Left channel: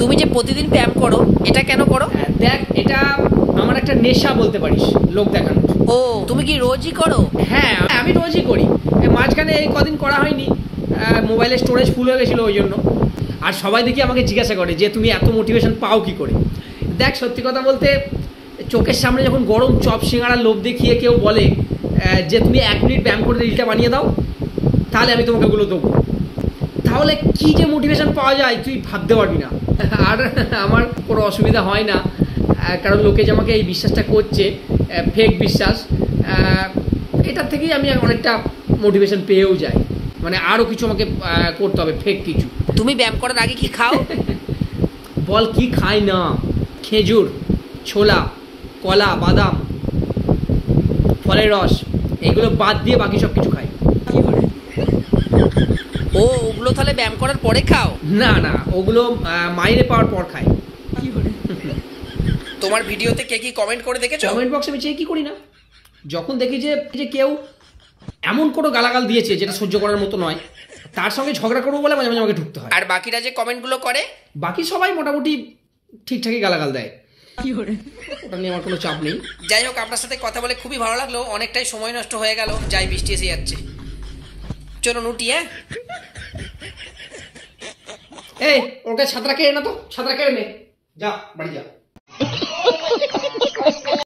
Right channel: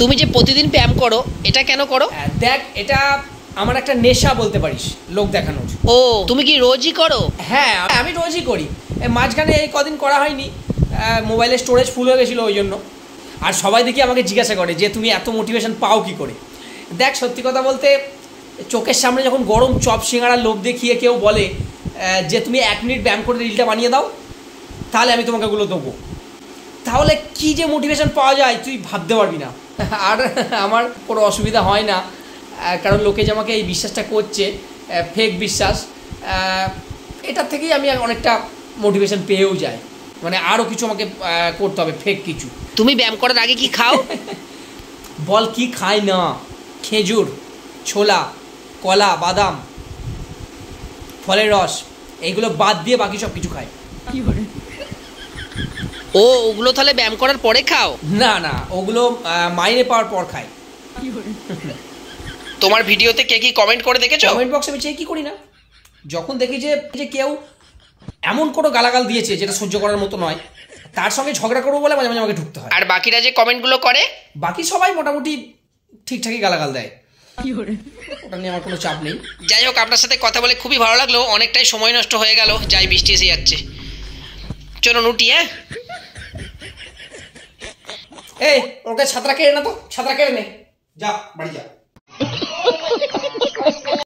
তুমি যে প্রতিদিন ব্যায়াম করো, এটা কেন করো? দেখ, এটা আমার একটা নেশা বলতে পারিস, লোক দেখানো। ও, তুমি কি রোজই করো? হ্যাঁ, আমি রোজই করি। মাঝখানে এই কদিন করা হয়নি, মোবাইলের স্টোরেজ ফুল হয়ে গেছিলো ওই জন্য। আর সবাই দেখি আমাকে জিজ্ঞাসা করে যে তুমি এত মোটিভেশন পাও কি করে। দেখ, সত্যি কথা বলতে, চোখের সামনে যখন গরম চপ সিঙ্গাড়ার লোভ দেখিয়ে কেউ বলে যে তুমি 1 মিনিট ব্যায়াম করে রিলটা বানিয়ে দাও, তাহলে আমি তোমাকে ওগুলো দেবো। তাহলে কি যে মোটিভেশন পাওয়া যায় তুই ভাবতে পারবি না। আর আমার কোনো অসুবিধা হয় না, কারণ লোকে যে আমাকে এই বিশ্বাসটা করছে, ফেক বিশ্বাস, এটার থেকেই আমি অনেকটা মোটিভেশন পেয়েও যাই। মানে আরও কিছু আমাকে করতে হবে, ফেক কিছু। তুমি ব্যায়াম করার আগে কি খাও? বল কি খাই না? খেজুর, ছোলা, কলা, বাদাম, ফলের রস, এইগুলো বাদ দিয়ে বাকি সব কিছু খাই। ও, ওগুলো তাহলে ব্যায়াম করার পরে খাও? না না, ওগুলো মাইনে পাওয়ার পর খাই। তোমার ভিডিওতে কে কি কমেন্ট করে দেখেছো? কমেন্ট বক্সে আমি চেক কি করি না, যখন দেখি যে কেউ এমন কোনো গালাগাল দিয়েছে যেটা সহ্য করার মতো নয়, তার সঙ্গে ঝগড়া করবো বলে মাঝে মাঝে আমাকে ঢুকতে হয়। আর বাকিরা যে কমেন্টগুলো করে? বাকি সবাই মোটামুটি ঠিকঠাকই গালাগাল দেয়, ওটা নিয়ে আমার কোনো চাপ নেই। যাই হোক, আপনার সাথে কথা বলে খুবই ভালো লাগলো। অনেকটাই সময় নষ্ট হয়ে গেল, যাই বৃষ্টি এসে যাচ্ছে। চলো নুটি। হ্যাঁ, এই ওকে ছাত্রা কেড়ে না তো, ছাত্রা কেড়ে নে, যা বাড়ি যা।